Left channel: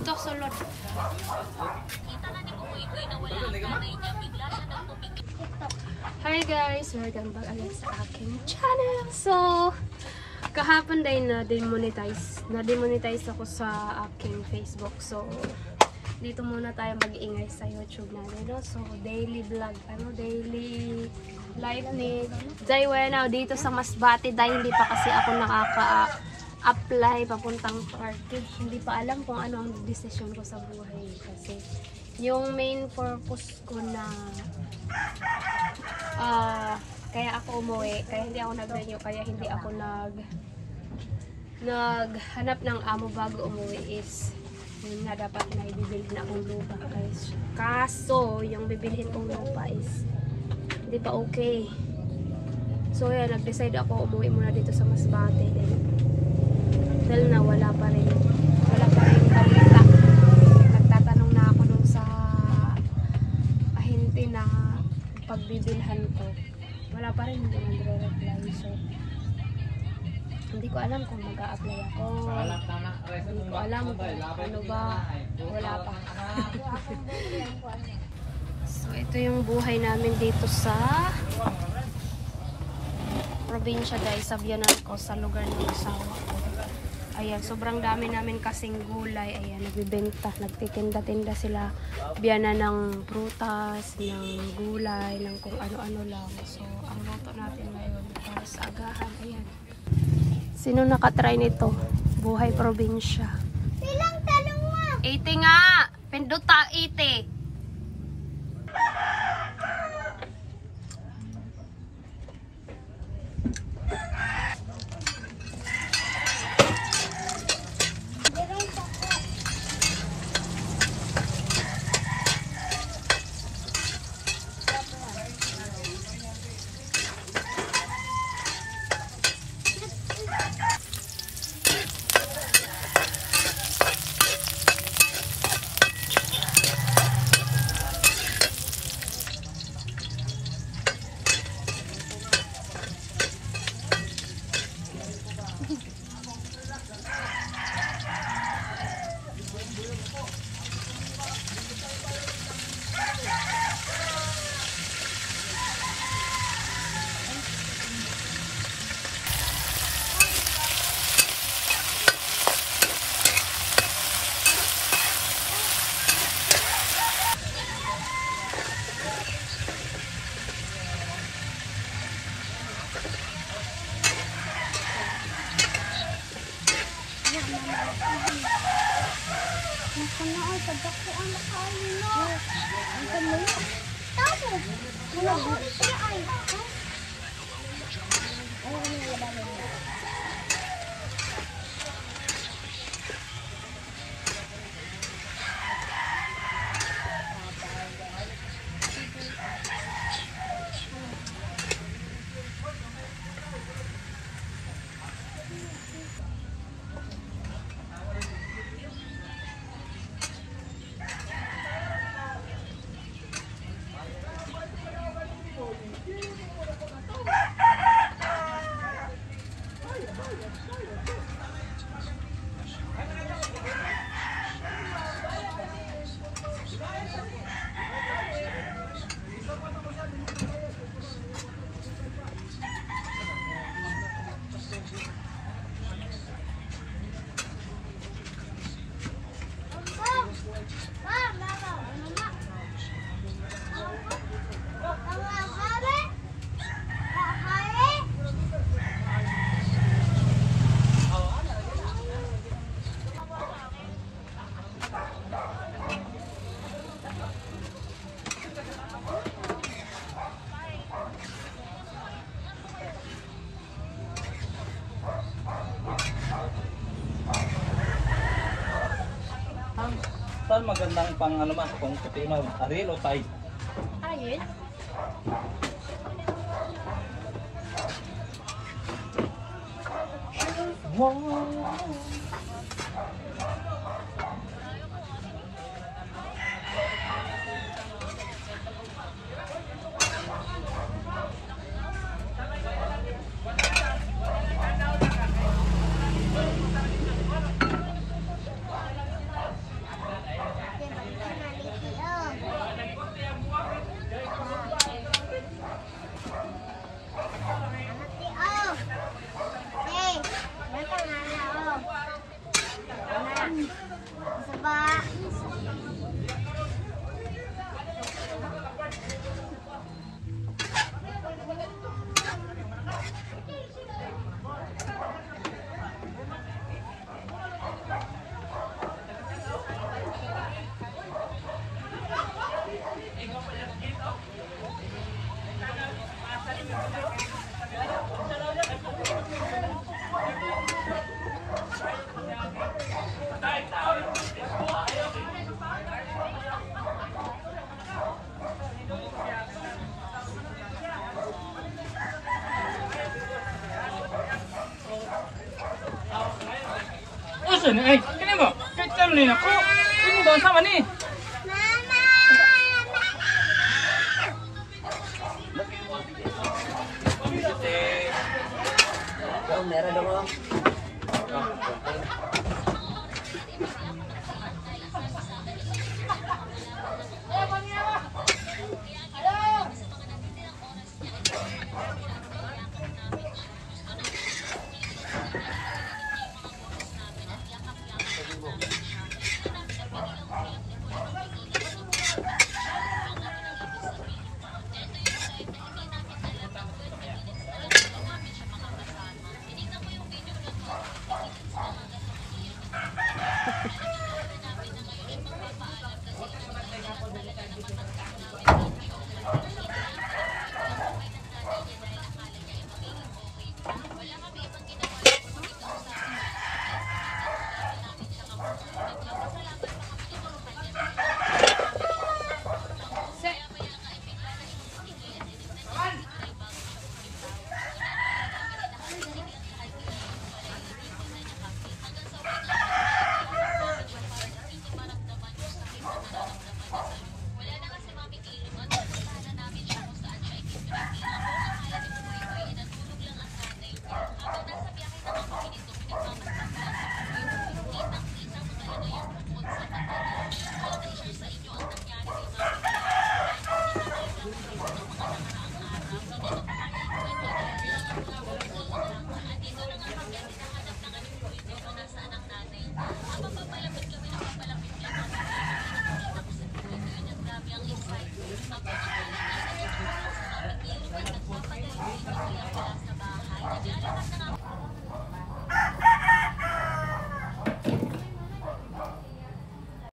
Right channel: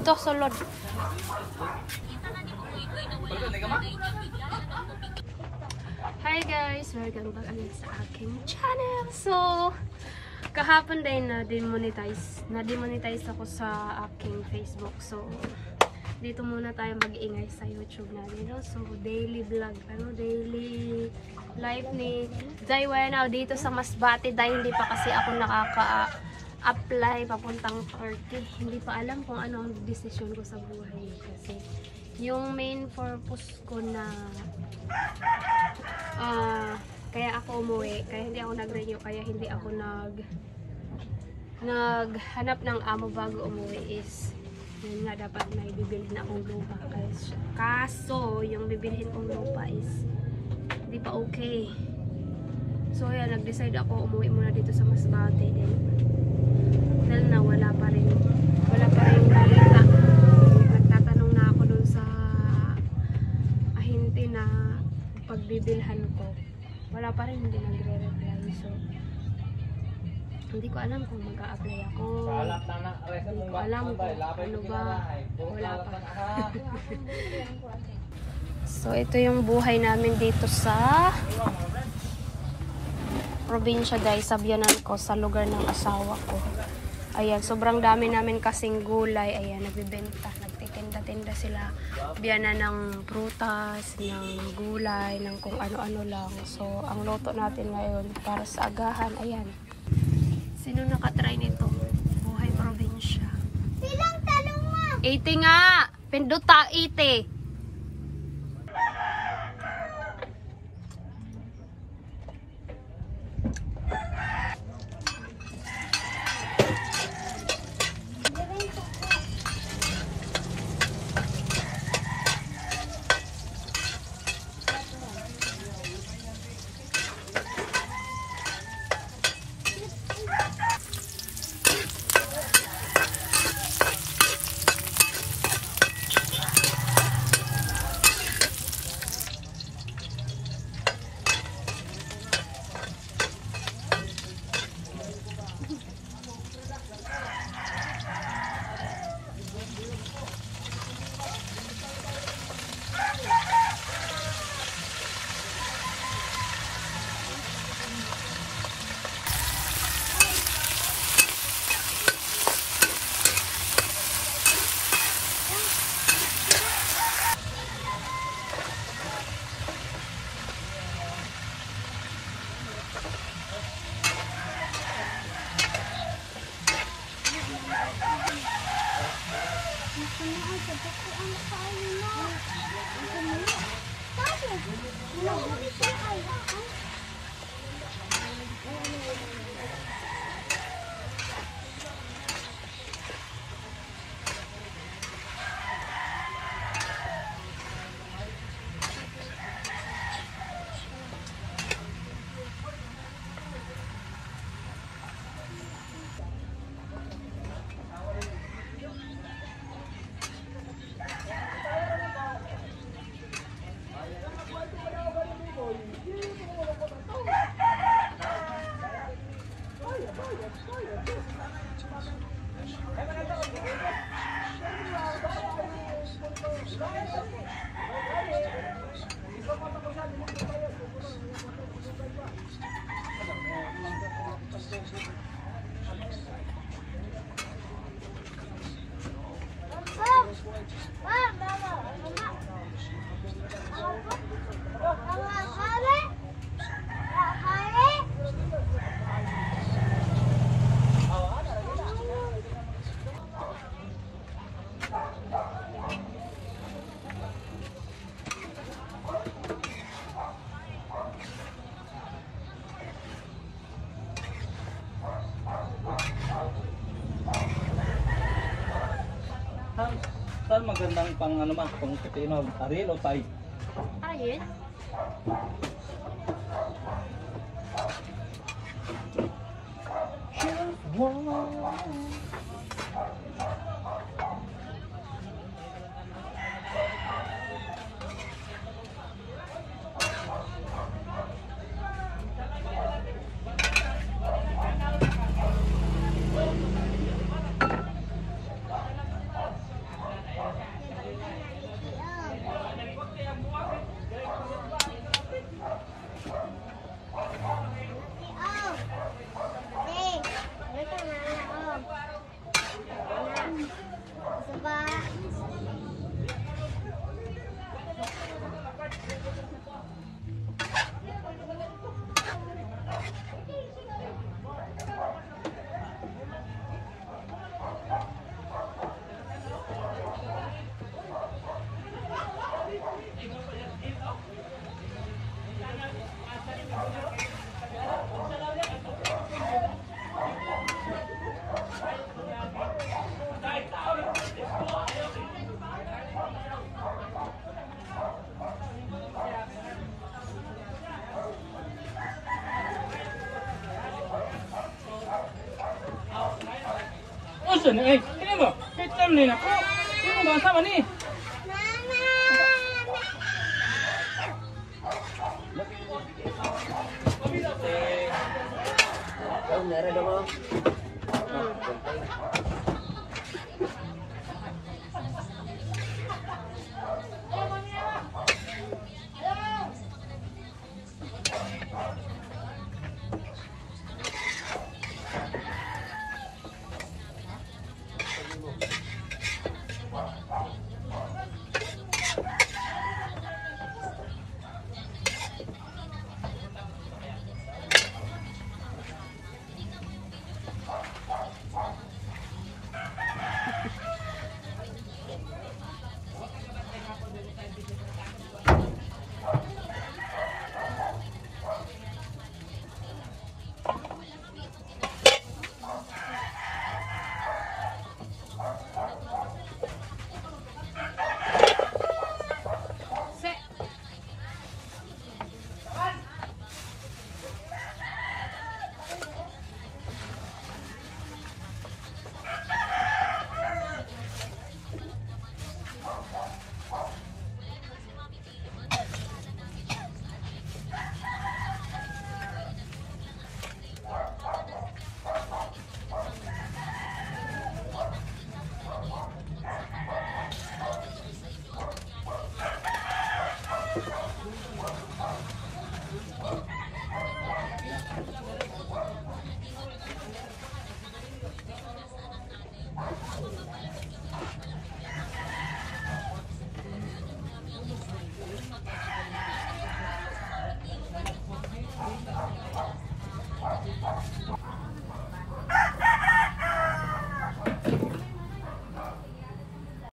Ato, sulod. Hi guys! Welcome back again sa aking channel. So, kahapon din na-demonetize ako sa aking Facebook. So, dito muna tayo mag-ingay sa YouTube natin. No? So, daily vlog, daily life ni Jaiwena dito sa Masbate dahil hindi pa kasi ako nakaka-apply papuntang party. Hindi pa alam kung ano ang decision ko sa buhay kasi yung main purpose ko na kaya ako umuwi, kaya hindi ako nag-renew, kaya hindi ako naghanap ng amo bago umuwi is yun nga, dapat na ibibilhin akong lupa. Kaso yung bibilhin kong lupa is hindi pa okay. So yan, nag-decide ako umuwi muna dito sa Masbate. Dahil na wala pa rin balita. Nagtatanong na ako dun sa ahente na pagbibilhan ko. Wala pa rin, hindi nagre-reply. So hindi ko alam kung mag-a-apply ako. Hindi ko alam kung ano ba. Wala pa. So ito yung buhay namin dito sa probinsya guys, sa biyanan ko, sa lugar ng asawa ko. Ayan, sobrang dami namin kasing gulay. Ayan, nagbibenta, nagtitinda-tinda sila. Biyanan ng prutas, ng gulay, ng kung ano-ano lang. So ang luto natin ngayon para sa agahan. Ayan. Sino nakatry nito? Buhay probinsya. Sinong talong mo? 80 nga! Pinduta 80! Saan magandang pang ano ma, kung tutinaw, aril o tay? Ayun. Listen, ay, kini mo. Kailan ni ako? Kini mo ba sama ni? Mama!